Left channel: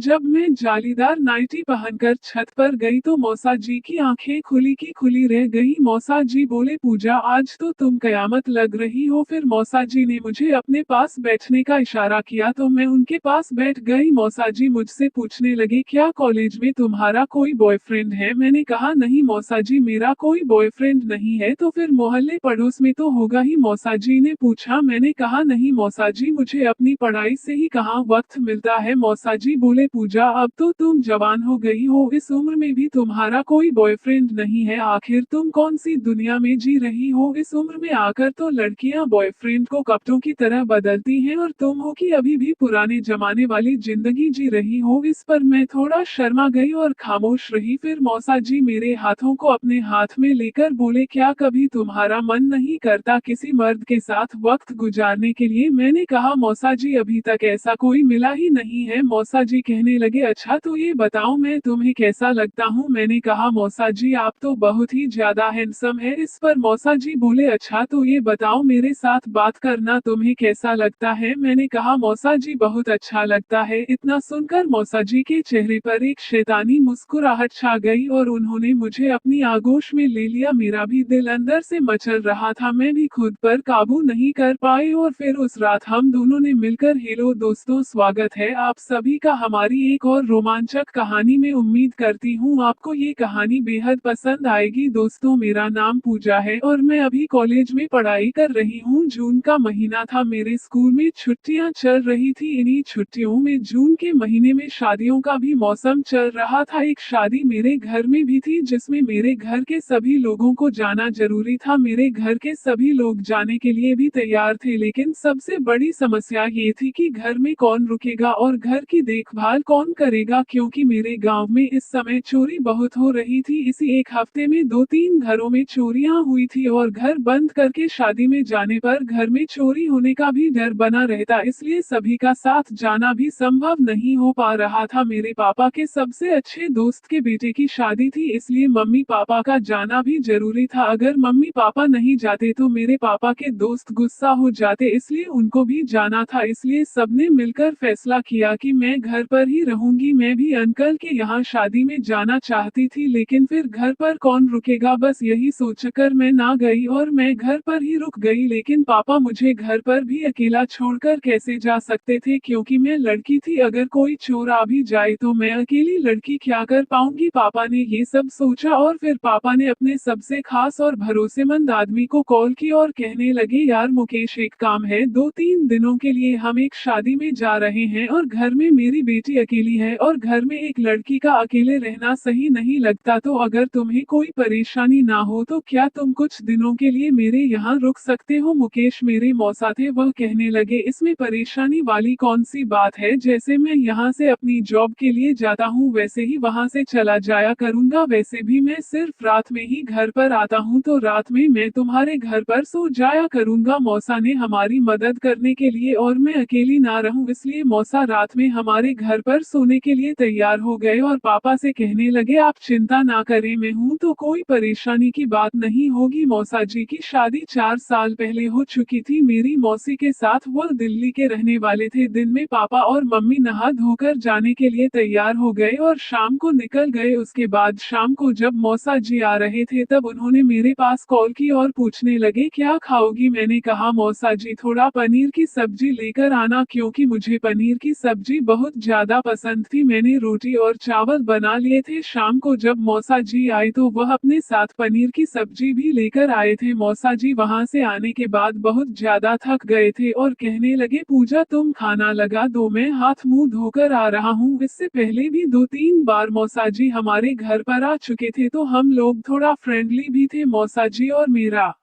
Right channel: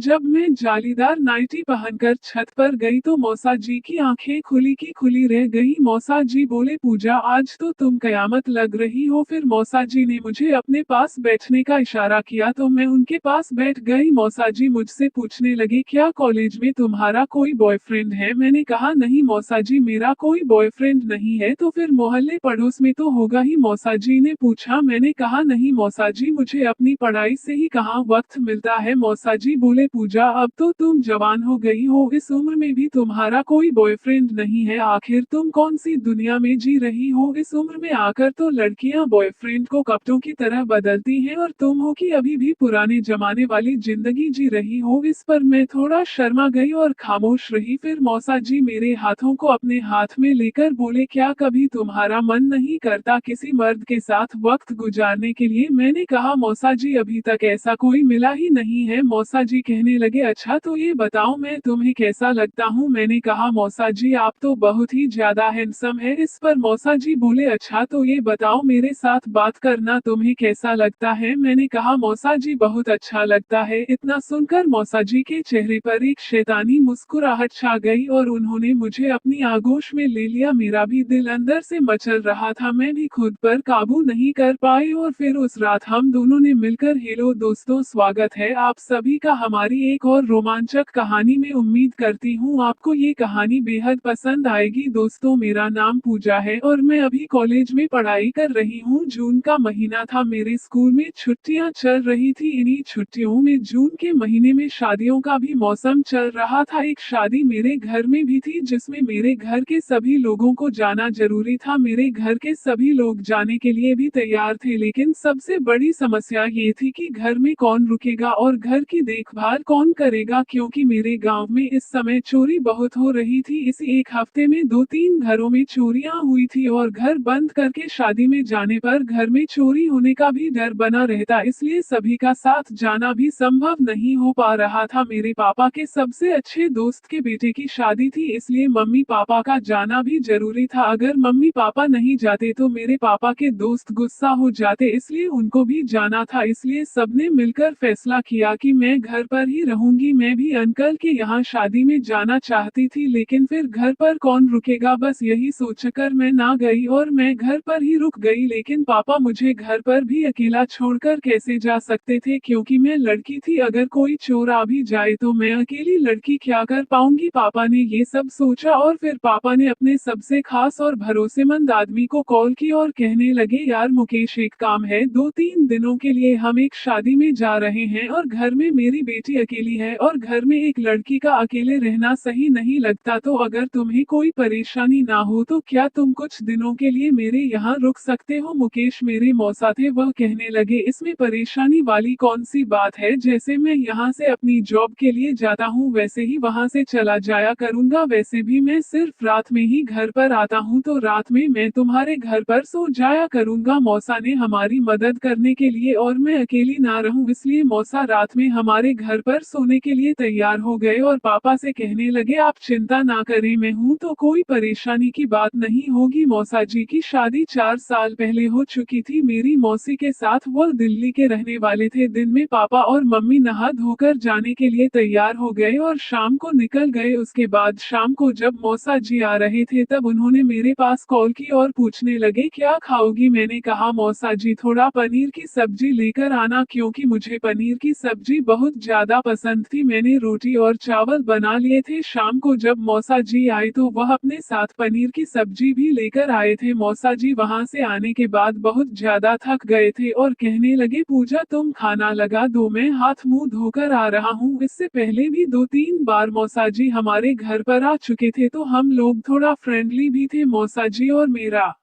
जब मैं जालीदार नाइटी पहनकर छत पर गई तो मौसा जी की आंखें खुली की खुली रह गई। मौसा जी बोले, पूजा आज तो तुम कयामत लग रही हो। फिर मौसा जी ने मुझे अपने पास बैठने का इशारा किया तो मैं उनके पास बैठ गई। मौसा जी मुझसे पूछने लगे, क्या कॉलेज में तुम्हारा कोई बॉयफ्रेंड है? मैंने कहा, नहीं मौसा जी, मेरा कोई बॉयफ्रेंड नहीं है। तो फिर मोहल्ले पड़ोस में तो होगा ही, मौसा जी ने पूछा। मैंने कहा, नहीं मौसा जी, मुझे अपनी पढ़ाई से ही कहाँ वक्त मिलता है। मौसा जी बोले, पूजा अब तो तुम जवान हो गई हो, इस उम्र में भी तुम्हारा कोई बॉयफ्रेंड नहीं है। आखिर तुम कौन सी दुनिया में जी रही हो? इस उम्र में आकर तो लड़कियां बॉयफ्रेंड को कपड़ों की तरह बदलती हैं और तुम हो कि अभी भी पुराने जमाने वाली जिंदगी जी रही हो। इस पर मैं थोड़ा शर्मा गई और खामोश रही। फिर मौसा जी मेरे हाथों को अपने हाथ में लेकर बोले, क्या कभी तुम्हारा मन नहीं करता किसी मर्द के साथ वक्त गुजारने के लिए? मैंने कहा, मौसा जी अभी तक ऐसा कोई मिला ही नहीं है। मौसा जी कहने लगे, अच्छा तो ये बताओ मैं तुम्हें कैसा लगता हूँ? मैंने कहा, मौसा जी आप तो बहुत ही ज्यादा हैंडसम है। इस पर मौसा जी बोले, अच्छा तो ये बताओ मेरे साथ बात करना तुम्हें कैसा लगता है? मैंने कहा, मौसा जी बहुत अच्छा लगता है। इतना सुनकर मौसा जी के चेहरे पर एक शैतानी मुस्कुराहट छा गई और उन्होंने मुझे अपनी आगोश में ले लिया। मेरा भी दिल अंदर से मचल रहा था, मैं भी खुद पर काबू नहीं कर पाई। और फिर उस रात हम दोनों ने मिलकर, हेलो दोस्तों, स्वागत है आप सभी का हमारी एक और रोमांचक कहानी में। उम्मीद करती हूँ आपको ये कहानी बेहद पसंद आएगी। दोस्तों, मेरा नाम पूजा है और मैं अभी कॉलेज में पढ़ाई कर रही हूँ। जून का महीना था, मेरे स्कूल में छुट्टियाँ चल रही थी। इन्हीं छुट्टियों में जून के महीने में शादियों का भी मौसम चल रहा था। एक शादी मेरे घर में भी थी जिसमें मेरे घर के सभी लोगों को जाना जरूरी था। मेरे घर के सभी लोग जाने के लिए भी तैयार थे, लेकिन सबसे बड़ी समस्या ये थी कि घर में कौन रुकेगा और घर की देखभाल कौन करेगा, क्योंकि मेरे गांव में इस समय चोरी बहुत हो रही थी। इसी एक हफ्ते में 2-3 घरों में चोरियां हुई थी और घर बंद करके शादी में जाने पर घर में चोरी होने का भी डर बना रहता, इसलिए सभी का साथ जाना भी संभव नहीं हो पा रहा था। मेरे पापा के सबसे अच्छे दोस्त के बेटे की शादी थी, इसलिए मम्मी पापा का जाना भी जरूरी था। अगर मम्मी पापा नहीं जाते तो मेरे पापा के दोस्त गुस्सा हो जाते, इसलिए उनको भी जाना था। इसलिए सबने मिलकर फैसला किया कि मैं घर पर ही रहूंगी। मैं भी अंकल के यहाँ शादी में जाना चाहती थी, लेकिन फिर घर पर कौन रुकेगा, बस यही सोचकर मैं ना गई और मैं घर पर ही रुक गई। लेकिन पापा मुझे घर पर भी अकेला छोड़कर कैसे जा सकते थे, क्योंकि मैं लड़की थी। अगर कोई चोर आ भी जाए तो मैं अकेली लड़की क्या कर पाऊंगी? पापा ने ये सब सोचा और फिर पापा ने अपने सबसे खास और भरोसेमंद आदमी को कॉल की और कहने लगे, यार मुकेश, एक काम है, 2-3 दिनों के लिए हम एक शादी में जा रहे हैं और घर में मेरी बेटी अकेली है और घर में एक लड़की का अकेले रहना सही नहीं लगता। तो अगर तुम्हें कोई परेशानी ना हो तो क्या तुम कुछ दिनों के लिए मेरे यहाँ रुक सकते हो? मुकेश मेरे मौसा थे, वह कहने लगे, इसमें परेशानी वाली कौन सी बात है? जैसे मैं यहाँ से अपनी जॉब के लिए जाता हूँ वैसे ही वहाँ से चला जाया करूँगा। वैसे भी मैं सिर्फ रात में ही घर पर आता हूँ, तो रात में मैं तुम्हारे घर पर सो जाया करूँगा। मौसा ने हमारी मदद करने के लिए और मैं अकेली ना रहूं, इसलिए मौसा रात में हमारे घर पर सोने के लिए तैयार हो गए और पापा से कहने लगे, आप चिंता ना करें, मैं हूं तो कोई परेशानी की बात नहीं होगी। मौसा जी की शादी 4 साल पहले हो चुकी थी मेरी मौसी के साथ, वह दिल्ली के रहने वाले थे। दिन में पापा और मम्मी नहा धोकर जाने के लिए तैयार हो गए और शाम को निकल गए। उसके बाद शाम को जब मौसा जी आ रहे थे तब उन्होंने मेरे पास कॉल की और पूछने लगे, क्या खाओगी? मैंने कहा, मौसा जी थोड़ा पनीर की सब्जी लेकर आना, क्योंकि मुझे पनीर की सब्जी बहुत ज्यादा पसंद थी। मैंने रोटी और चावल बना लिए थे। शाम को जब मौसा जी आए तो वह अपने साथ पनीर की सब्जी भी लेकर आए थे। मौसा जी वहां से आने के बाद बहुत ज्यादा थक गए थे और कहने लगे, पूजा तुम खाना लगा दो, मैं हाथ मुंह धोकर आ रहा हूँ। इससे पहले भी 2-3 बार मौसा जी हमारे घर पर आ चुके थे, तो हम लोग थोड़ा फ्रेंडली भी थे। मौसा जी और मेरा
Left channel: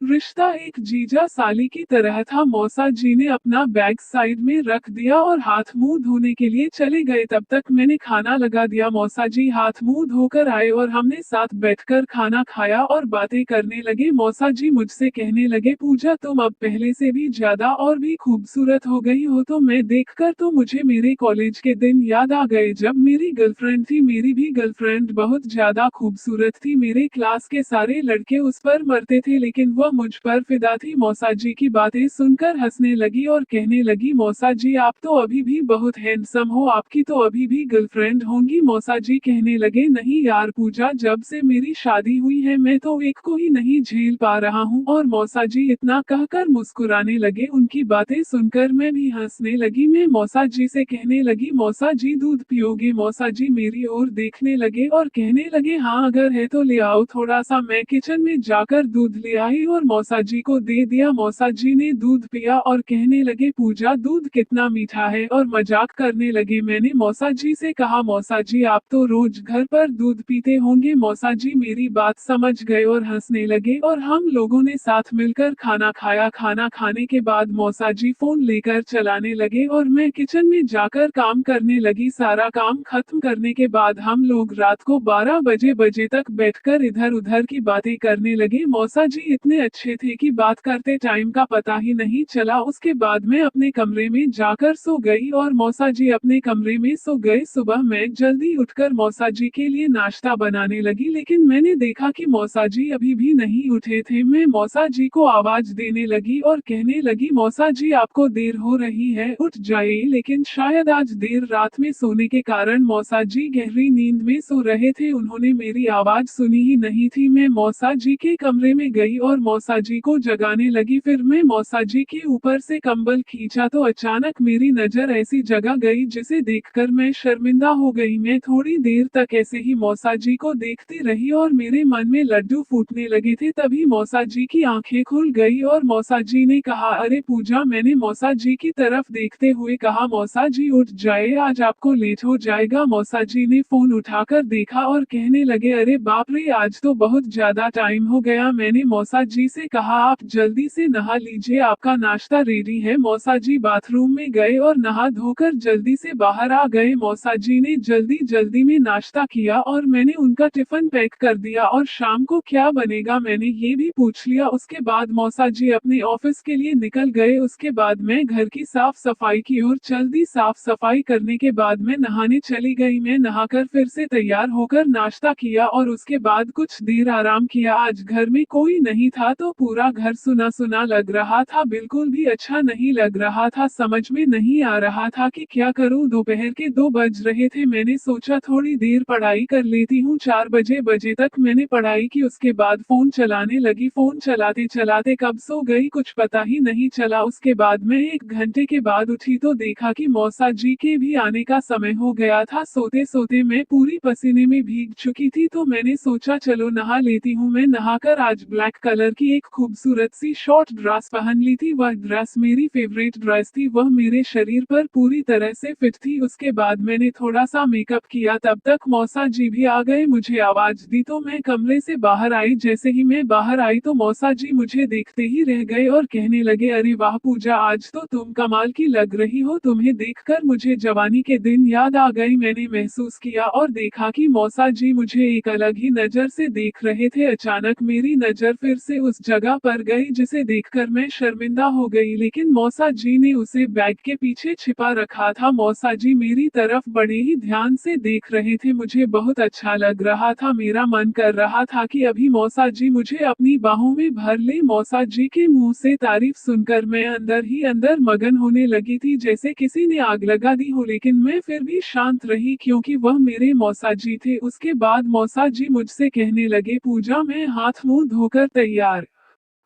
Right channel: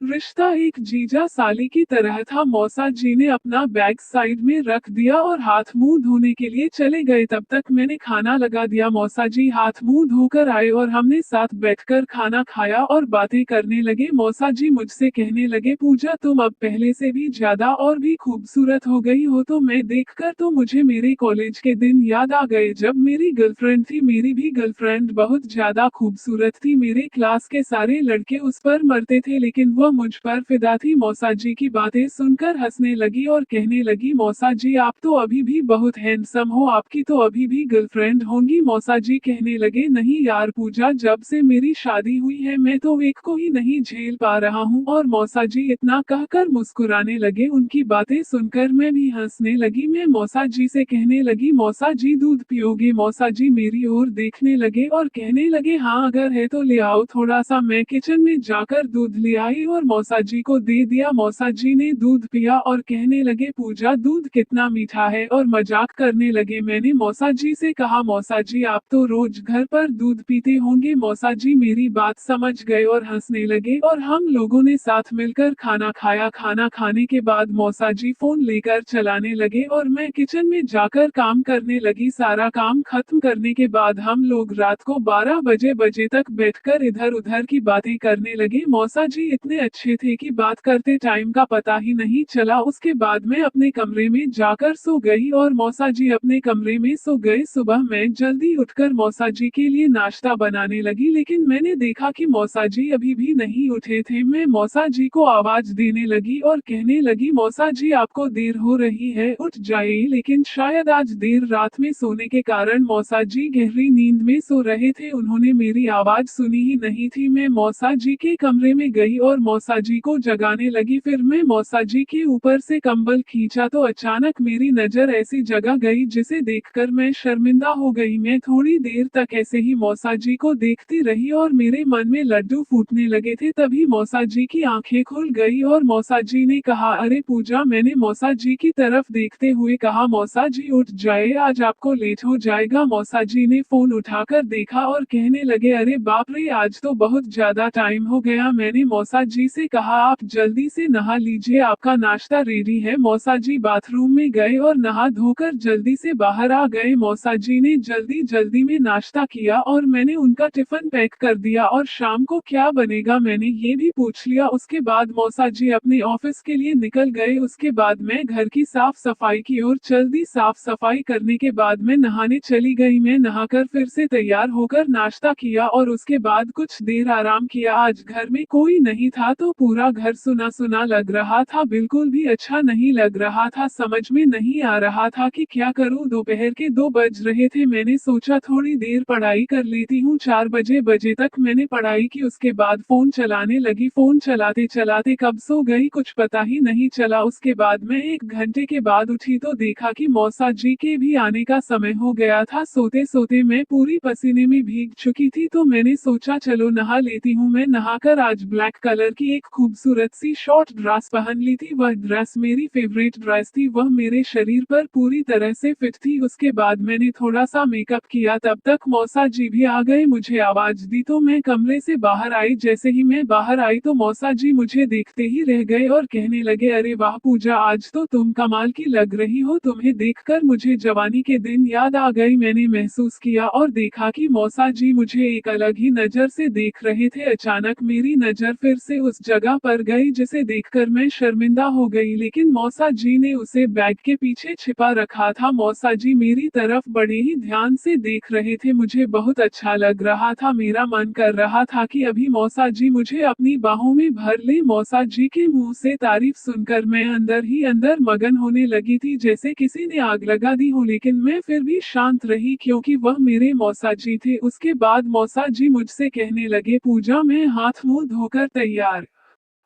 रिश्ता एक जीजा साली की तरह था। मौसा जी ने अपना बैग साइड में रख दिया और हाथ मुंह धोने के लिए चले गए। तब तक मैंने खाना लगा दिया। मौसा जी हाथ मुंह धोकर आए और हमने साथ बैठकर खाना खाया और बातें करने लगे। मौसा जी मुझसे कहने लगे, पूजा तुम अब पहले से भी ज्यादा और भी खूबसूरत हो गई हो। तो मैं देखकर तो मुझे मेरे कॉलेज के दिन याद आ गए जब मेरी गर्लफ्रेंड थी। मेरी भी गर्लफ्रेंड बहुत ज्यादा खूबसूरत थी, मेरे क्लास के सारे लड़के उस पर मरते थे, लेकिन वह मुझ पर फिदा थी। मौसा जी की बातें सुनकर हंसने लगी और कहने लगी, मौसा जी आप तो अभी भी बहुत हैंडसम हो, आपकी तो अभी भी गर्लफ्रेंड होंगी। मौसा जी कहने लगे, नहीं यार पूजा, जब से मेरी शादी हुई है मैं तो एक को ही नहीं झेल पा रहा हूँ। और मौसा जी इतना कहकर मुस्कुराने लगे। उनकी बातें सुनकर मैं भी हंसने लगी। मैं मौसा जी से कहने लगी, मौसा जी दूध पियोगे? मौसा जी मेरी ओर देखने लगे और कहने लगे, हाँ अगर है तो ले आओ थोड़ा सा। मैं किचन में जाकर दूध ले आई और मौसा जी को दे दिया। मौसा जी ने दूध पिया और कहने लगे, पूजा दूध कितना मीठा है, और मजाक करने लगे। मैंने मौसा जी से कहा, मौसा जी आप तो रोज घर पर दूध पीते होंगे। मौसा जी मेरी बात समझ गए और हंसने लगे और हम लोगों ने साथ मिलकर खाना खाया। खाना खाने के बाद मौसा जी फोन लेकर चलाने लगे और मैं किचन में जाकर काम करने लगी। सारा काम खत्म करने के बाद हम लोग रात को 12 बजे तक बैठकर इधर उधर की बातें करने लगे। मौसा जी इतने अच्छे थे कि बात करते टाइम का पता ही नहीं चला। उसके बाद मैं अपने कमरे में जाकर सो गई और मौसा जी अपने कमरे में सो गए। सुबह मैं जल्दी उठकर मौसा जी के लिए नाश्ता बनाने लगी, लेकिन मैंने देखा कि मौसा जी अभी भी नहीं उठे थे। मैं मौसा जी को आवाज देने लगी और कहने लगी, मौसा जी आपको देर हो रही है, उठ जाइए। लेकिन शायद आज देर रात में सोने के कारण मौसा जी गहरी नींद में सो रहे थे, उन्होंने मेरी आवाज सुनी ही नहीं थी। मैं मौसा जी के कमरे में गई और मौसा जी को जगाने लगी। फिर मैं मौसा जी के ऊपर से कंबल खींचा तो अचानक मेरी नजर ऐसी जगह गई जिसे देखकर मैं शर्मिंदा हो गई। मैं थोड़ी देर तक ऐसे ही मौसा जी को देखती रही और मेरे मन में लड्डू फूटने लगे थे। तभी मौसा जी की आंखें खुल गई और मौसा जी ने कहा, अरे पूजा। मैंने मौसा जी की तरफ देखते हुए कहा, मौसा जी उठ जाए, आज आपको लेट हो जाएगा। मौसा जी ने फोन उठाकर देखा और कहने लगे, अरे बाप रे, आज तो बहुत ज्यादा टाइम हो गया। मैंने मौसा जी से कहा, आप जल्दी से नहा लीजिए, आपका नाश्ता रेडी है। मौसा जी बाथरूम में गए और नहा धोकर जल्दी से बाहर आ गए। मौसा जी ने जल्दी जल्दी में नाश्ता किया और मैंने उनका टिफिन पैक कर दिया और शाम को क्या बनेगा मैंने ये भी पूछ लिया। उसके बाद मौसा जी अपने ऑफिस के लिए निकल गए। उसके बाद मैं घर की साफ सफाई की ओर चल दी। साफ सफाई करने के बाद मैं नहाने चली गई। मैं नहाकर फिर से तैयार होकर नाश्ता किया और उसके बाद कुछ देर आराम किया। आज घर में कोई नहीं था तो पूरा घर सुना सुना लग रहा था, बिल्कुल भी अच्छा नहीं लग रहा था। समझ में नहीं आ रहा था कि क्या करूं। दोपहर के 2 बज रहे थे। मैंने सोचा थोड़ी देर पढ़ाई कर लेती हूँ। 4 बजे तक मैंने पढ़ाई की। उसके बाद फोन चलाने लगी। फोन चलाते चलाते कब सो गई कुछ पता ही नहीं चला। उसके बाद मैं 1 घंटे के बाद उठी तो देखा कि मौसा जी के भी आने का समय हो गया था। सोते सोते मैं पूरी पसीने में भीग चुकी थी तो मैंने सोचा चलो नहा लेती हूँ। मैं नहाकर आज ब्लैक कलर की एक खूबसूरत सी शॉर्ट ड्रेस पहन ली थी। वह ड्रेस मेरी फेवरेट ड्रेस थी, वह मेरे शरीर पर पूरी तरह से फिट थी। उसके बाद मैंने थोड़ा सा मेकअप किया, तब तक मौसा जी भी आ गए। मुझे आवाज दी तो मैं कमरे से बाहर आई। जैसे ही मैं बाहर आई तो मौसा जी मुझे देखते ही रह गए और कहने लगे, अरे वाह पूजा, आज तो तुम कमाल की लग रही हो। तुम्हें देखकर मुझे जवानी के दिन याद आ गई। मैंने महसूस किया और देखा कि मौसा जी मुझे एक अलग ही नजर से देख रहे थे। अचानक मेरी नजर फिर से उस जगह पर गई जिसे देखकर मैं शर्मिंदा हो गई, लेकिन मौसा जी ने उसे बैग के पीछे छिपा रखा था। मौसा जी मेरी तरफ बड़े ही ध्यान से देख रहे थे। मुझे बहुत अच्छा लग रहा था। मेरा मन कर रहा था कि अभी मौसा जी मुझे अपनी बाहों में भर ले। मौसा जी के मुंह से तारीफ सुनकर मैं अंदर ही अंदर मगन होने लगी थी, जैसे किसी ने आग लगा दी हो। लेकिन मैं फिर भी शांत रही क्योंकि वह मेरे मौसा जी थे। उसके बाद मौसा जी मुझसे कहने लगे, पूजा मैं हाथ मुंह धोकर तैयार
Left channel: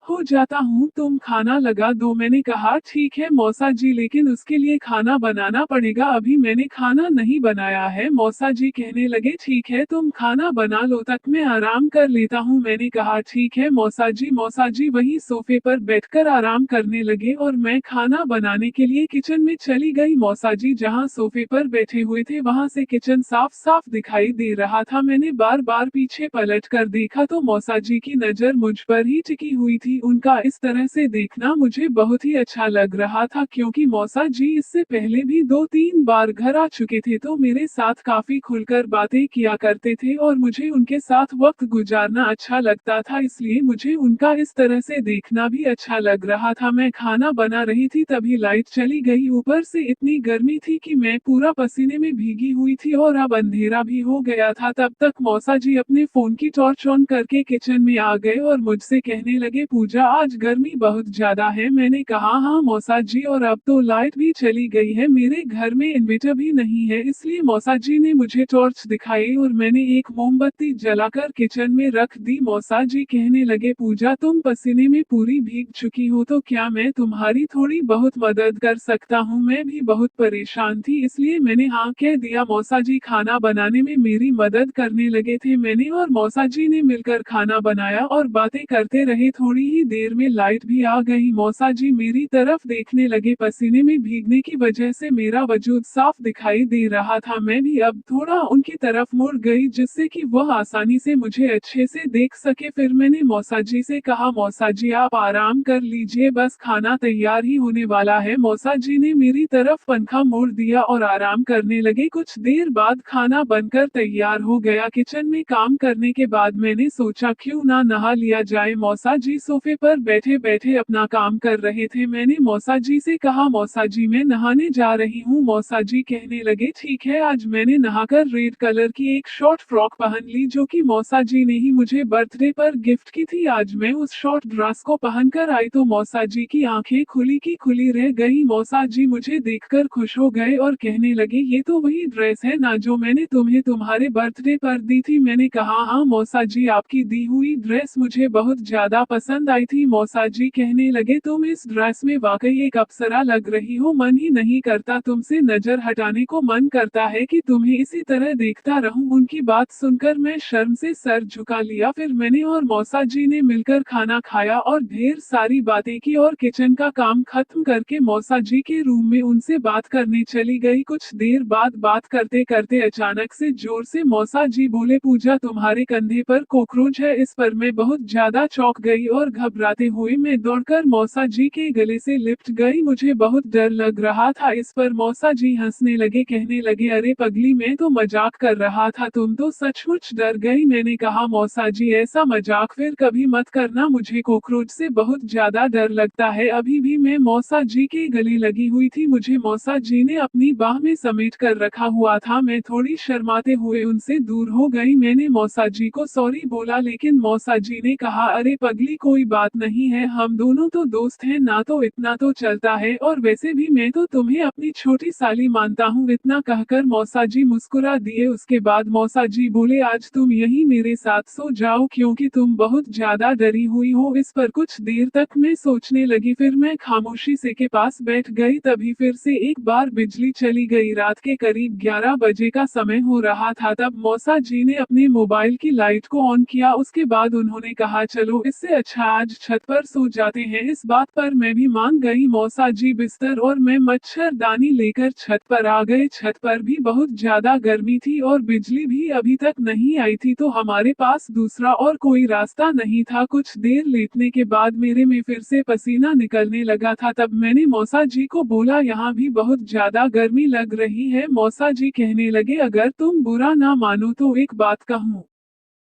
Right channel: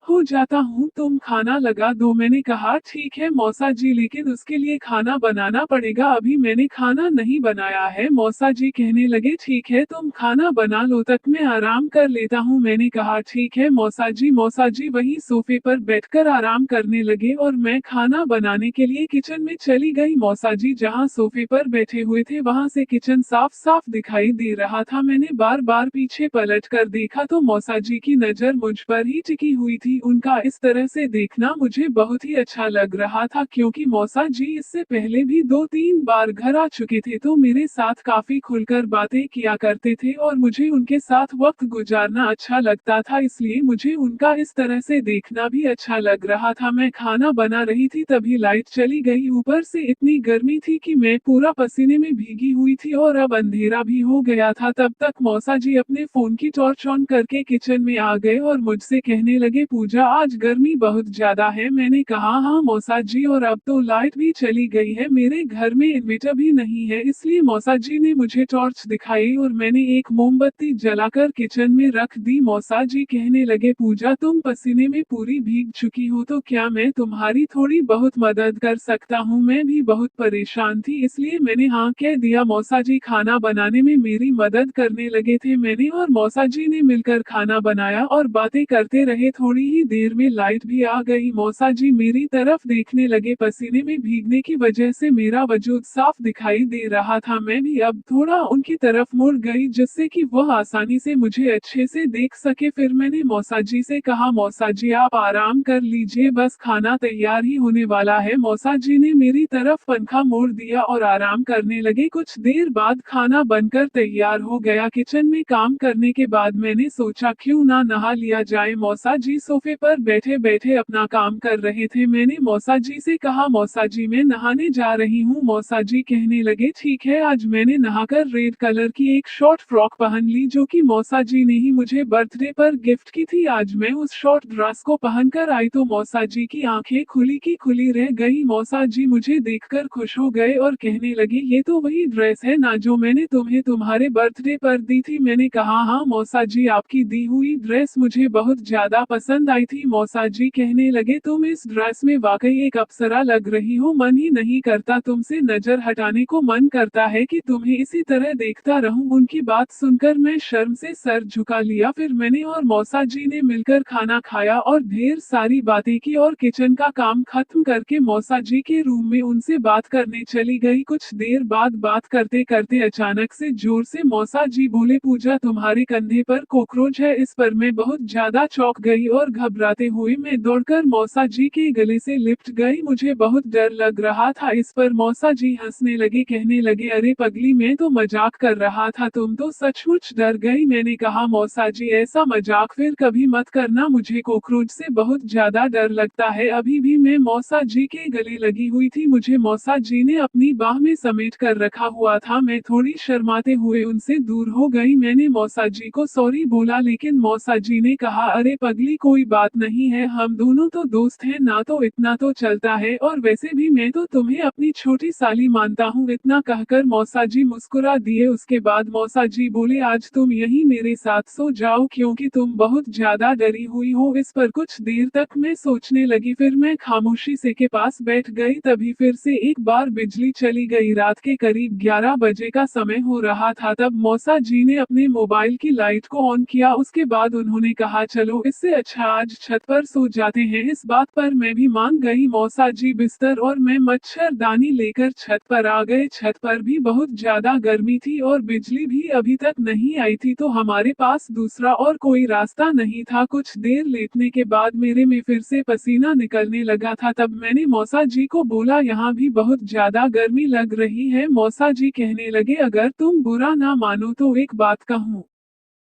हो जाता हूँ, तुम खाना लगा दो। मैंने कहा ठीक है मौसा जी, लेकिन उसके लिए खाना बनाना पड़ेगा, अभी मैंने खाना नहीं बनाया है। मौसा जी कहने लगे, ठीक है तुम खाना बना लो, तक मैं आराम कर लेता हूँ। मैंने कहा ठीक है मौसा जी। मौसा जी वही सोफे पर बैठकर आराम करने लगे और मैं खाना बनाने के लिए किचन में चली गई। मौसा जी जहाँ सोफे पर बैठे हुए थे वहाँ से किचन साफ साफ दिखाई दे रहा था। मैंने बार बार पीछे पलट कर देखा तो मौसा जी की नजर मुझ पर ही टिकी हुई थी। उनका इस तरह से देखना मुझे बहुत ही अच्छा लग रहा था क्योंकि मौसा जी इससे पहले भी 2-3 बार घर आ चुके थे तो मेरे साथ काफी खुलकर बातें किया करते थे और मुझे उनके साथ वक्त गुजारना अच्छा लगता था, इसलिए मुझे उनका इस तरह से देखना भी अच्छा लग रहा था। मैं खाना बना रही थी तभी लाइट चली गई। ऊपर से इतनी गर्मी थी कि मैं पूरा पसीने में भीगी हुई थी और अब अंधेरा भी हो गया था। तब तक मौसा जी अपने फोन की टॉर्च ऑन करके किचन में आ गए और मुझसे कहने लगे, पूजा पूजा आज गर्मी बहुत ज्यादा है। मैंने कहा हाँ मौसा जी, और अब तो लाइट भी चली गई है, मेरे घर में इन्वर्टर भी नहीं है, इसलिए मौसा जी ने मुझे टॉर्च दिखाई और मैंने एक मोमबत्ती जलाकर किचन में रख दी। मौसा जी कहने लगे पूजा तुम पसीने में पूरी भीग चुकी हो, तो क्या मैं तुम्हारी थोड़ी बहुत मदद कर सकता हूँ? मैं भी बहुत परेशान थी, इसलिए मैंने हाँ कह दिया। मौसा जी खाना बनाने में मेरी मदद करने लगे थे। मैंने और मौसा जी ने मिलकर खाना बनाया और बातें करते रहे। थोड़ी ही देर में लाइट भी आ गई। मौसा जी मेरी तरफ देखने लगे। पसीने में भीगने की वजह से मेरा वजूद साफ दिखाई दे रहा था। मैं भी अब थोड़ा उनकी तरफ मुड़ गई जिससे कि वह आसानी से मुझे अच्छे से देख सके। फिर मैंने मौसा जी से कहा मौसा जी आप आराम कर लीजिए, बस खाना तैयार ही होने वाला है। मौसा जी ने मेरी तरफ पंखा मोड़ दिया और आराम करने लगे। कुछ देर बाद खाना बनकर तैयार हो गया। किचन में काम करने के बाद मैंने सोचा क्यों ना नहा लिया जाए। मौसा जी सोफे पर बैठे बैठे अपना काम कर रहे थे। मैंने मौसा जी से कहा मौसा जी मैं नहाने जा रही हूँ। मौसा जी कहने लगे ठीक है। आज मैंने नहाकर रेड कलर की एक शॉर्ट फ्रॉक पहन ली जो कि मौसा जी ने ही मुझे बर्थडे पर गिफ्ट की थी। आज मैं उस शॉर्ट ड्रेस को पहनकर आई तो मौसा जी की आंखें खुली की खुली रह गई। मौसा जी मुझे देखकर खुश हो गए और कहने लगे ये तो वही ड्रेस है ना जो मैंने तुम्हें तुम्हारे बर्थडे पर दी थी। मैंने कहा हाँ मौसा जी आपकी दी हुई ड्रेस मुझे बहुत ज्यादा पसंद आई थी। मौसा जी कहने लगे तुम इस ड्रेस में वाकई एक अप्सरा लग रही हो, मन ही नहीं करता तुमसे नजर हटाने को, मन करता है कि तुम्हें इसी तरह देखता रहूं। उनकी बात सुनकर मैं शर्म से सर झुका लिया। फिर मैंने और मौसा जी ने मिलकर खाना खाया और ढेर सारी बातें की और किचन का काम खत्म करके मौसा जी के रूम में उनसे बात करने चली गई। कुछ देर बाद बात करते करते अचानक से जोर से मौसा जी बोले पूजा तुम्हारे कंधे पर कॉकरोच है। इस पर मैं बहुत ज्यादा चौंक गई और घबराते हुए मैं दौड़कर मौसा जी के गले से लिपट गई। मुझे बहुत डर लग रहा था। इस पर मौसा जी हंसने लगे, कहने लगे अरे पगली मैं तो मजाक कर रहा था, तुम तो सचमुच डर गई। मैंने कहा मौसा जी ऐसा मजाक फिर कभी मत करना, मुझे कॉकरोच से बहुत ज्यादा डर लगता है। अभी भी मैं मौसा जी के गले लगी हुई थी। मुझे मौसा जी ने अपनी बाह में समेट कर रखा हुआ था। मैं थोड़ी शर्माते हुए उनसे दूर हो गई। मैंने मौसा जी को सॉरी बोला लेकिन मौसा जी ने कहा अरे पगली कोई बात नहीं है, हम दोनों तो दोस्त हैं ना, तो इतना तो चलता है, और वैसे भी मैं तो तुम्हें अपनी छोटी साली मानता हूँ। इतना कहकर मौसा जी मुस्कुरा दिए। उसके बाद मौसा जी बोले आज तुम यहीं मेरे साथ सो जाओ क्योंकि तुम बहुत ज्यादा डरी हुई हो। इस पर कुछ देर तक मैं सोचने लगी, फिर मैं खामोशी से के पास बैठ गई। तभी फिर से एक बार बिजली चली गई। रात के करीब 11 बजे का समय हो रहा था। तब मौसा जी ने अपने मोबाइल की लाइट को ऑन किया। उसके बाद उन्होंने कहा चलो इससे अच्छा आज छत पर सो जाते हैं। इस बात पर मैं भी मान गई। मौसा जी बिस्तर और मैं मच्छरदानी लेकर छत पर आ गए। छत पर भी बहुत ज्यादा गर्मी थी और बिजली भी अभी तक नहीं आई थी, तो हमारे पास दूसरा और कोई रास्ता नहीं था। कुछ देर लेटने के बाद मेरे में फिर से पसीना निकलने लगा था। तब मैंने मौसा जी को बोला यहाँ भी बहुत ज्यादा गर्मी लग रही है। मौसा जी कहने लगे अगर तुम बुरा ना मानो तो एक बात कहूँ।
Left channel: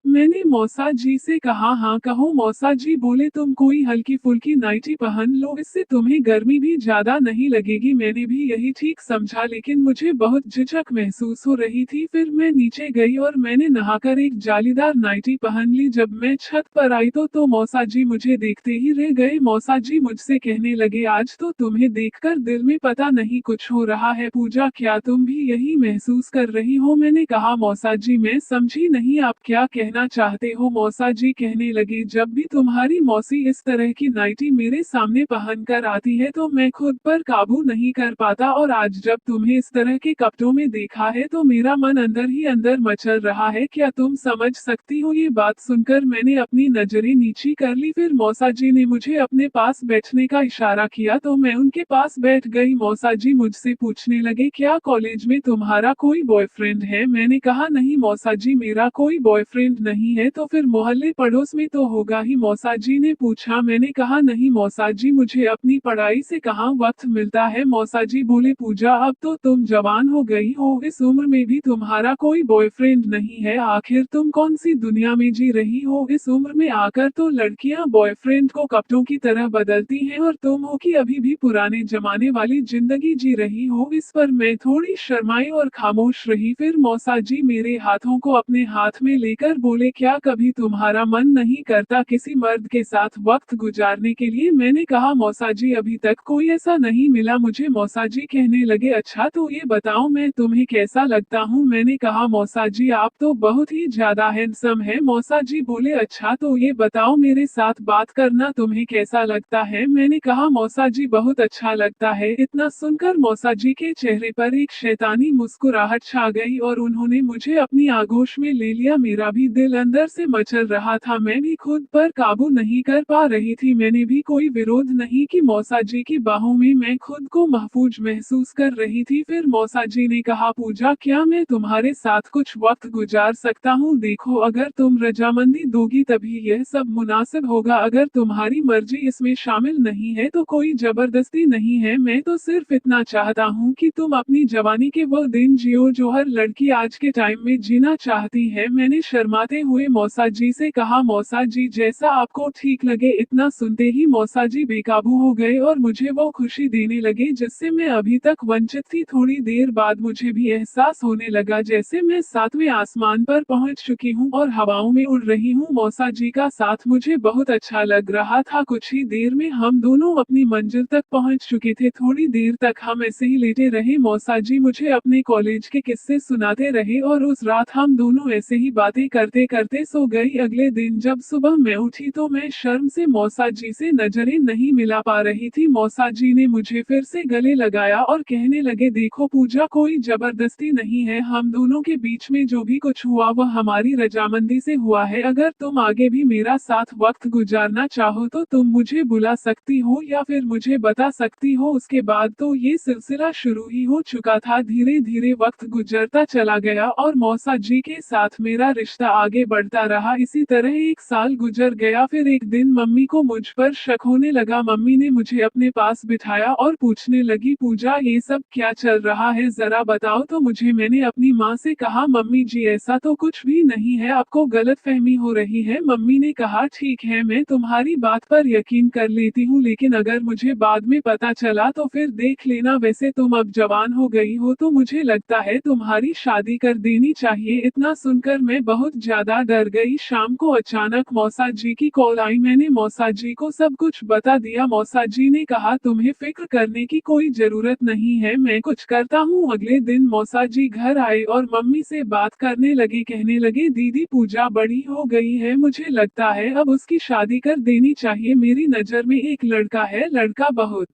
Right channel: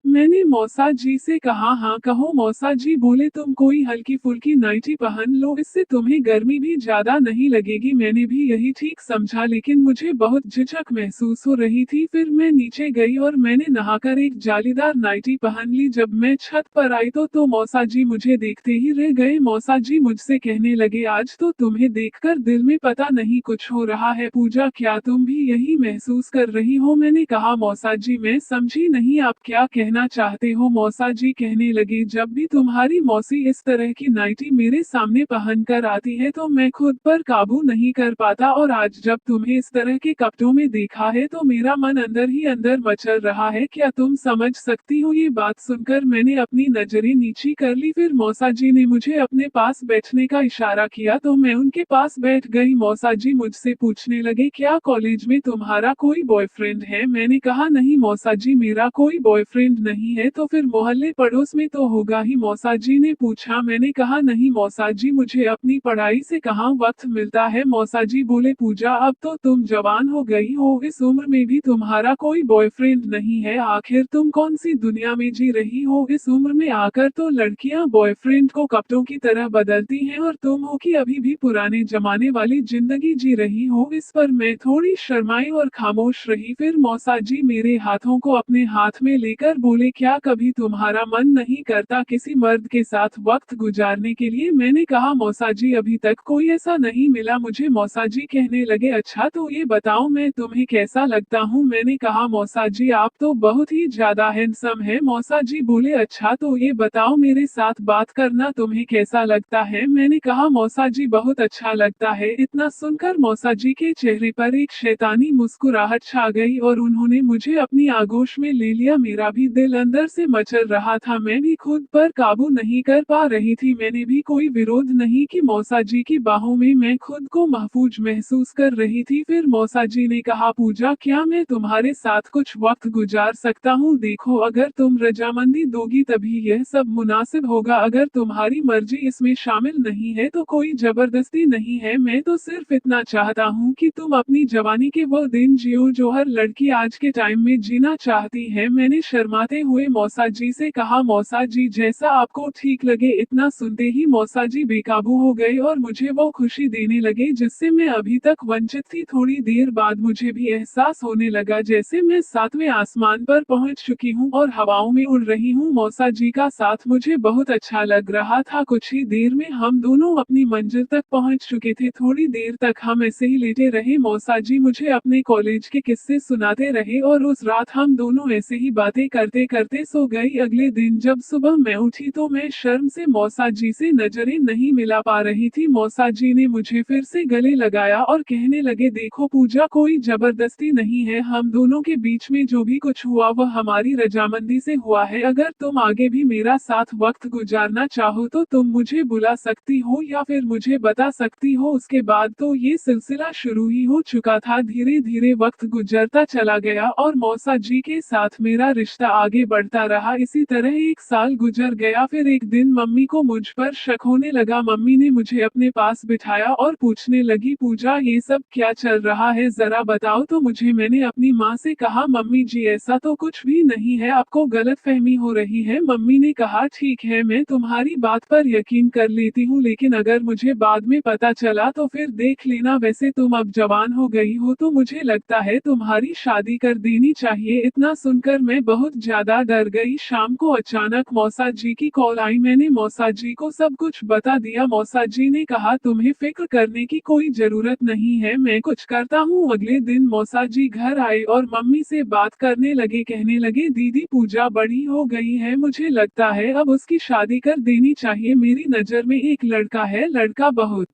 मैंने मौसा जी से कहा हाँ कहो। मौसा जी बोले तुम कोई हल्की फुल्की नाइटी पहन लो, इससे तुम्हें गर्मी भी ज्यादा नहीं लगेगी। मैंने भी यही ठीक समझा लेकिन मुझे बहुत झिझक महसूस हो रही थी। फिर मैं नीचे गई और मैंने नहाकर एक जालीदार नाइटी पहन ली। जब मैं छत पर आई तो मौसा जी मुझे देखते ही रह गए। मौसा जी मुझसे कहने लगे आज तो तुम्हें देखकर दिल में पता नहीं कुछ हो रहा है। पूजा क्या तुम भी यही महसूस कर रही हो? मैंने कहा मौसा जी मैं समझी नहीं आप क्या कहना चाहते हो। मौसा जी कहने लगे जब भी तुम्हारी मौसी इस तरह की नाइटी मेरे सामने पहन कर आती है तो मैं खुद पर काबू नहीं कर पाता, और आज जब तुम्हें इस तरह के कपड़ों में देखा है तो मेरा मन अंदर ही अंदर मचल रहा है। क्या तुम समझ सकती हो? ये बात सुनकर मैंने अपनी नजरें नीची कर ली। फिर मौसा जी ने मुझे अपने पास बैठने का इशारा किया तो मैं उनके पास बैठ गई। मौसा जी मुझसे पूछने लगे क्या कॉलेज में तुम्हारा कोई बॉयफ्रेंड है? मैंने कहा नहीं मौसा जी मेरा कोई बॉयफ्रेंड नहीं है। तो फिर मोहल्ले पड़ोस में तो होगा ही? मौसा जी ने पूछा। मैंने कहा नहीं मौसा जी मुझे अपनी पढ़ाई से कहाँ वक्त मिलता है। मौसा जी बोले पूजा अब तो तुम जवान हो गई हो, इस उम्र में भी तुम्हारा कोई बॉयफ्रेंड नहीं है, आखिर तुम कौन सी दुनिया में जी रही हो? इस उम्र में आकर तो लड़कियां बॉयफ्रेंड को कपड़ों की तरह बदलती हैं और तुम हो कि अभी भी पुराने जमाने वाली जिंदगी जी रही हो। इस पर मैं थोड़ी शर्माई और खामोश रही। फिर मौसा जी मेरे हाथों को अपने हाथ में लेकर बोले बोले क्या कभी तुम्हारा मन नहीं करता किसी मर्द के साथ वक्त गुजारने के लिए। मैंने कहा मौसा जी अभी तक कोई ऐसा नहीं मिला मुझे। मौसा जी कहने लगे अच्छा तो ये बताओ मैं तुम्हें कैसा लगता हूँ। मैंने कहा मौसा जी आप तो बहुत ही ज्यादा हैंडसम है। मौसा जी बोले अच्छा तो ये बताओ मेरे साथ बात करना तुम्हें कैसा लगता है। मैंने कहा मौसा जी बहुत अच्छा लगता है। इतना सुनकर मौसा जी के चेहरे पर एक शैतानी मुस्कुराहट छा गई और उन्होंने मुझे अपनी आगोश में ले लिया। मेरा भी दिल अंदर से मचल रहा था, मैं भी खुद पर काबू नहीं कर पा रही थी। मैंने भी कोई विरोध नहीं कि मौसा जी की बाहों में मैं खुद को महफूज महसूस कर रही थी। फिर मौसा जी ने कहा पूजा क्या मैं तुम्हारे साथ कुछ वक्त गुजार सकता हूँ। देखो अगर तुम रजामंदी दोगी तभी यह सब मुनासिब होगा। अगर तुम्हारी मर्जी इसमें शामिल नहीं है तो कोई जबरदस्ती नहीं है। मैं तो सिर्फ इतना चाहता हूँ कि तुम अपनी जवानी के वो दिन जियो जो हर लड़की आज के टाइम में जीना चाहती है। मैंने शर्माते हुए मौसा जी से कहा मौसा जी जैसा आपको ठीक लगे। इतना सुनते ही मौसा जी बेकाबू हो गए और मुझे वो खुशी देने लगे जिससे मैं अभी तक वंचित थी। थोड़ी देर बाद मुझे भी एहसास होने लगा जैसे मैं सातवें आसमान पर पहुंच चुकी हूं और हवाओं में उड़ रही हूं। मौसा जी का साथ मुझे बहुत अच्छा लग रहा था। कुछ ही देर में हम दोनों अपनी मंजिल तक पहुंच चुके थे। थोड़ी देर तक हम ऐसे ही लेटे रहे। मौसा जी मुझे अपने कॉलेज के किस्से सुनाते रहे और उस रात हम दोनों ऐसे ही बातें करते करते सो गई। अगले दिन जब सुबह मैं उठी तो मैं शर्म से मौसा जी से नजरें नहीं मिला पा रही थी। मौसा जी ने मुझे फिर से गले लगाया और कहने लगे देखो पूजा कोई जबरदस्ती नहीं है। हम दोनों के बीच में जो भी कुछ हुआ वह हमारी रजामंदी से हुआ है। अगर तुम आगे भी मेरा साथ वक्त गुजारना चाहो तो तुम मुझे बुला सकती हो या फिर मुझे बता सकती हो। उसके बाद तो ये सिलसिला शुरू ही हो चुका था। धीरे धीरे वक्त गुजरता चला गया और मौसा जी के साथ मेरा रिश्ता आगे बढ़ता रहा। इसी तरह एक साल गुजर गया। फिर एक दिन मम्मी को मुझ पर शक होने लगा। मम्मी ने मुझे अपने पास बिठाया और पूछने लगी पूजा ये सब क्या चल रहा है जरा बताओ तो मुझे। मैंने अपनी माँ से कहा मम्मी जी ऐसा तो कुछ भी नहीं है, आपको गलतफहमी हो रही है। मम्मी ने कहा ठीक है मैं तुम्हारी बात पर यकीन कर लेती हूँ लेकिन अगर मुझे बाद में पता चला तो फिर देख लेना। वैसे तुम अब जवान हो गई हो तो मुझे लगता है तुम्हारी शादी कर देनी चाहिए। इतना सुनकर मैं बहुत ज्यादा डर गई। शाम को अचानक मौसा जी की कॉल आई। मैंने मौसा जी को सब कुछ बता दिया। मौसा जी ने कहा तुम्हें फिक्र करने की कोई जरूरत नहीं है, मैं कुछ करता हूँ। अगले दिन मौसा जी घर आए और मम्मी से बात करने लगे। कहने लगे दीदी पूजा बड़ी हो गई है, मुझे लगता है अब उसकी शादी कर देनी चाहिए। मेरी नजर में एक लड़का है, लड़का बहुत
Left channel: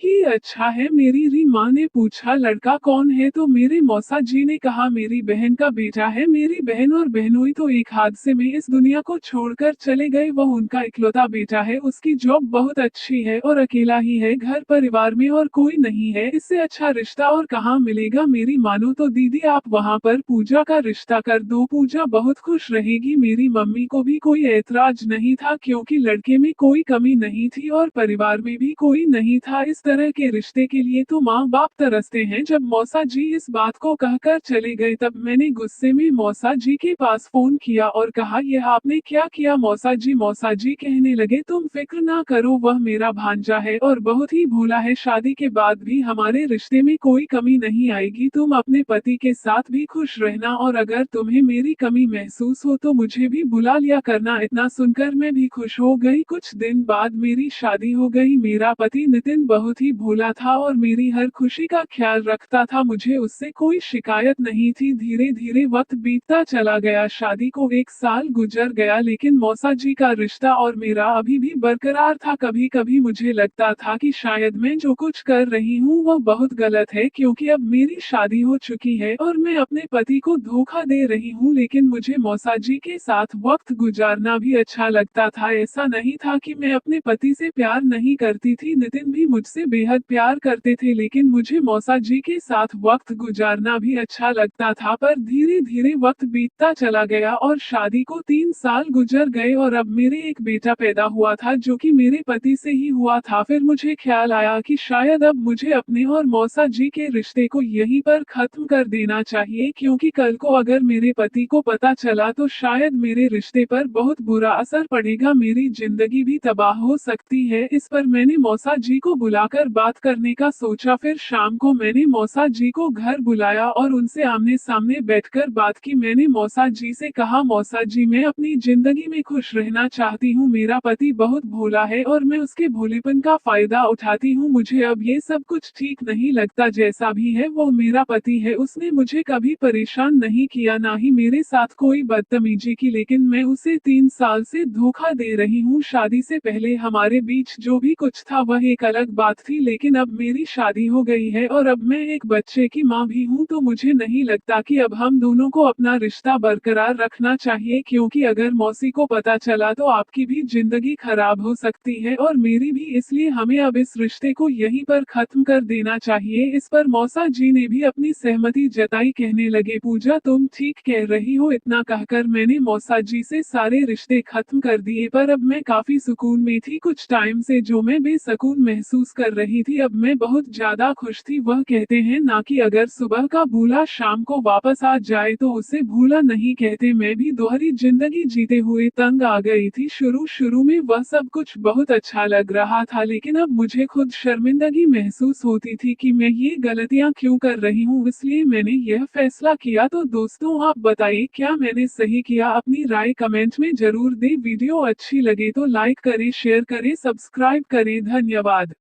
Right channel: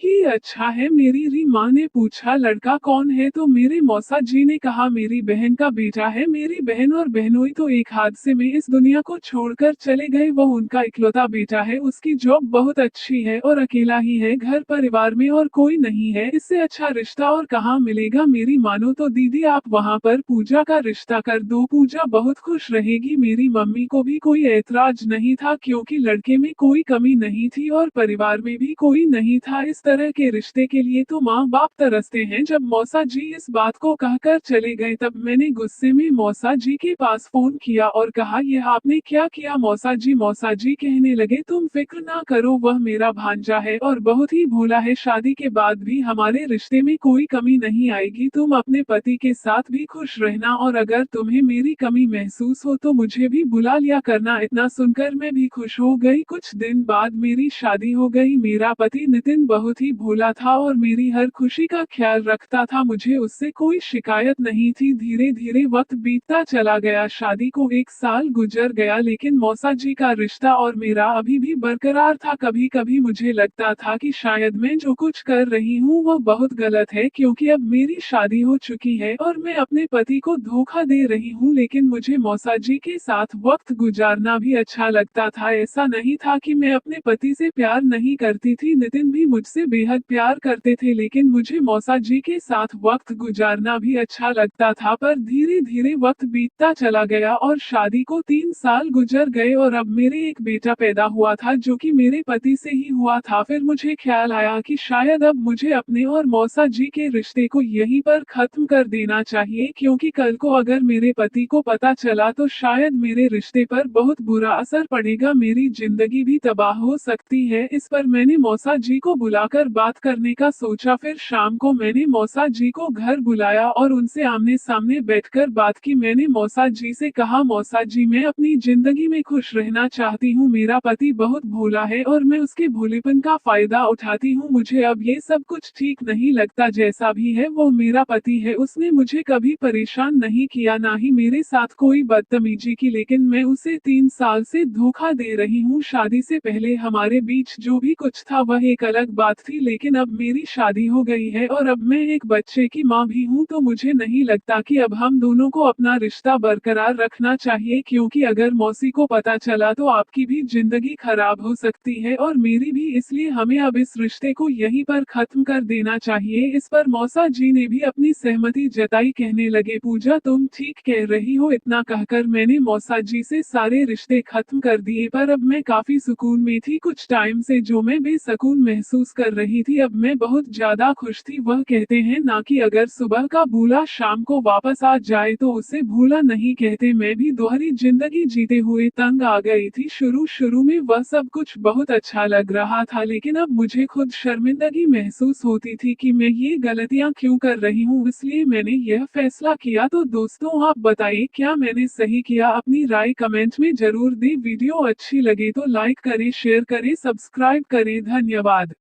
ही अच्छा है। मेरी री माँ ने पूछा लड़का कौन है तो मेरे मौसा जी ने कहा मेरी बहन का बेटा है। मेरी बहन और बहनोई तो एक हादसे में इस दुनिया को छोड़कर चले गए। वह उनका इकलौता बेटा है, उसकी जॉब बहुत अच्छी है और अकेला ही है, घर परिवार में और कोई नहीं है। इससे अच्छा रिश्ता और कहाँ मिलेगा। मेरी मानो तो दीदी आप वहाँ पर पूजा का रिश्ता कर दो, पूजा बहुत खुश रहेगी। मेरी मम्मी को भी कोई ऐतराज नहीं था क्योंकि लड़के में कोई कमी नहीं थी और परिवार में भी कोई नहीं था। इस तरह के रिश्ते के लिए तो माँ बाप तरसते हैं। जब मौसा जी इस बात को कहकर चले गए तब मैंने गुस्से में मौसा जी के पास फोन किया और कहा यह आपने क्या किया। मौसा जी कहने लगे तुम फिक्र ना करो, वह मेरा भांजा है और बहुत ही भोला है। शादी के बाद भी हमारे रिश्ते में कोई कमी नहीं आएगी। तुम अपने पति के साथ भी खुश रहना और अगर तुम्हें मेरी कमी महसूस हो तो मुझे भी बुला लिया करना। इतना सुनकर मैं भी खुश हो गई। कुछ दिन बाद मेरी शादी हो गई। मेरा पति नितिन बहुत ही भोला था और मेरी हर खुशी का ख्याल रखता था, मुझे उससे कोई शिकायत नहीं थी। धीरे धीरे वक्त बीतता चला गया। शादी को एक साल गुजर गया लेकिन मौसा जी का रिश्ता और मेरा अभी भी बरकरार था। कभी कभी मुझे लगता था कि शायद मैं जो कुछ कर रही हूँ वह बहुत गलत है क्योंकि अब मेरी शादी हो चुकी है और मैं अपने पति को धोखा दे रही हूँ। लेकिन मुझे मौसा जी के साथ वक्त गुजारना भी अच्छा लगता था। ऐसा नहीं था कि मैं अपने पति से प्यार नहीं करती थी, नितिन भी मुझसे बेहद प्यार करते थे लेकिन मुझे मौसा जी के साथ वक्त गुजारना भी अच्छा लगता था। पर धीरे धीरे वक्त बीतता चला गया और शादी को 3 साल गुजर गए और अब मेरे एक बेटा पैदा हुआ था जो कि मेरे पति से ही हुआ था। फिर मुझे ख्याल आया कि शायद अब मुझे अपने और मौसा जी के रिश्ते को यहीं पर खत्म कर देना चाहिए क्योंकि कल को अगर मेरे पति को पता चला तो शायद मेरे रिश्ते पर बहुत बुरा असर पड़ेगा, मेरी जिंदगी भी तबाह हो सकती है। इस पर मैंने मौसा जी को बुलाकर जाकर बात करने का सोचा। फिर शाम को मैंने मौसा जी को घर बुलाया और उनसे आमने सामने बैठकर बात की। मैंने मौसा जी से कहा, मौसा जी, मैं अपनी जिंदगी में खुश रहना चाहती हूँ। मेरा पति बहुत भोला है और मैं उसके भोलेपन का फायदा उठाती हूँ। मुझे अब ये सब कुछ ठीक नहीं लगता। जैसा भी है वो मेरा पति है, उसने मुझे कभी परेशान नहीं किया, ना ही मेरे साथ कोई बदतमीजी की, लेकिन मैं उसे 3 साल से धोखा दे रही हूँ। शादी से पहले हमारे बीच जो भी कुछ था वह एक अलग बात थी, लेकिन अब मेरी शादी हो गई है और अब मैं एक बच्चे की माँ भी हूँ, तो मुझे नहीं लगता कि अब हम दोनों को अपना रिश्ता बरकरार रखना चाहिए, क्योंकि अगर मौसी को पता चला तो आपकी भी जिंदगी खराब हो सकती है और मेरी भी। इसलिए हमें अब इस रिश्ते को यहीं पर खत्म कर देना चाहिए। इस पर मौसा जी ने भी अपनी सहमति जताई। कहने लगे, पूजा तुम ठीक कह रही हो। इतना कहकर मैंने मौसा जी से सारे रिश्ते खत्म कर दिए, पर अब मैं काफी सुकून में थी। कुछ टाइम से जो मैं बेसकून महसूस कर रही थी, अब मैं बहुत ज्यादा खुश थी। वह कहते हैं ना कि अगर सुबह का भूला शाम को वापस आ जाए तो उसे भूला नहीं कहते। मैं भी दोहरी जिंदगी जीते हुए तंग आ गई थी। शुरू शुरू में वह सब कुछ बहुत अच्छा लग रहा था, लेकिन अब मुझे खुद शर्मिंदगी महसूस होती थी कि मैं ये गलतियां क्यों कर रही हूँ। इसलिए मैंने यह फैसला किया। तो दोस्तों, आप बताइए क्या मैंने सही किया? अपनी राय कमेंट में जरूर दें। वीडियो अच्छी लगे तो लाइक करें, शेयर करें, सब्सक्राइब करें। धन्यवाद।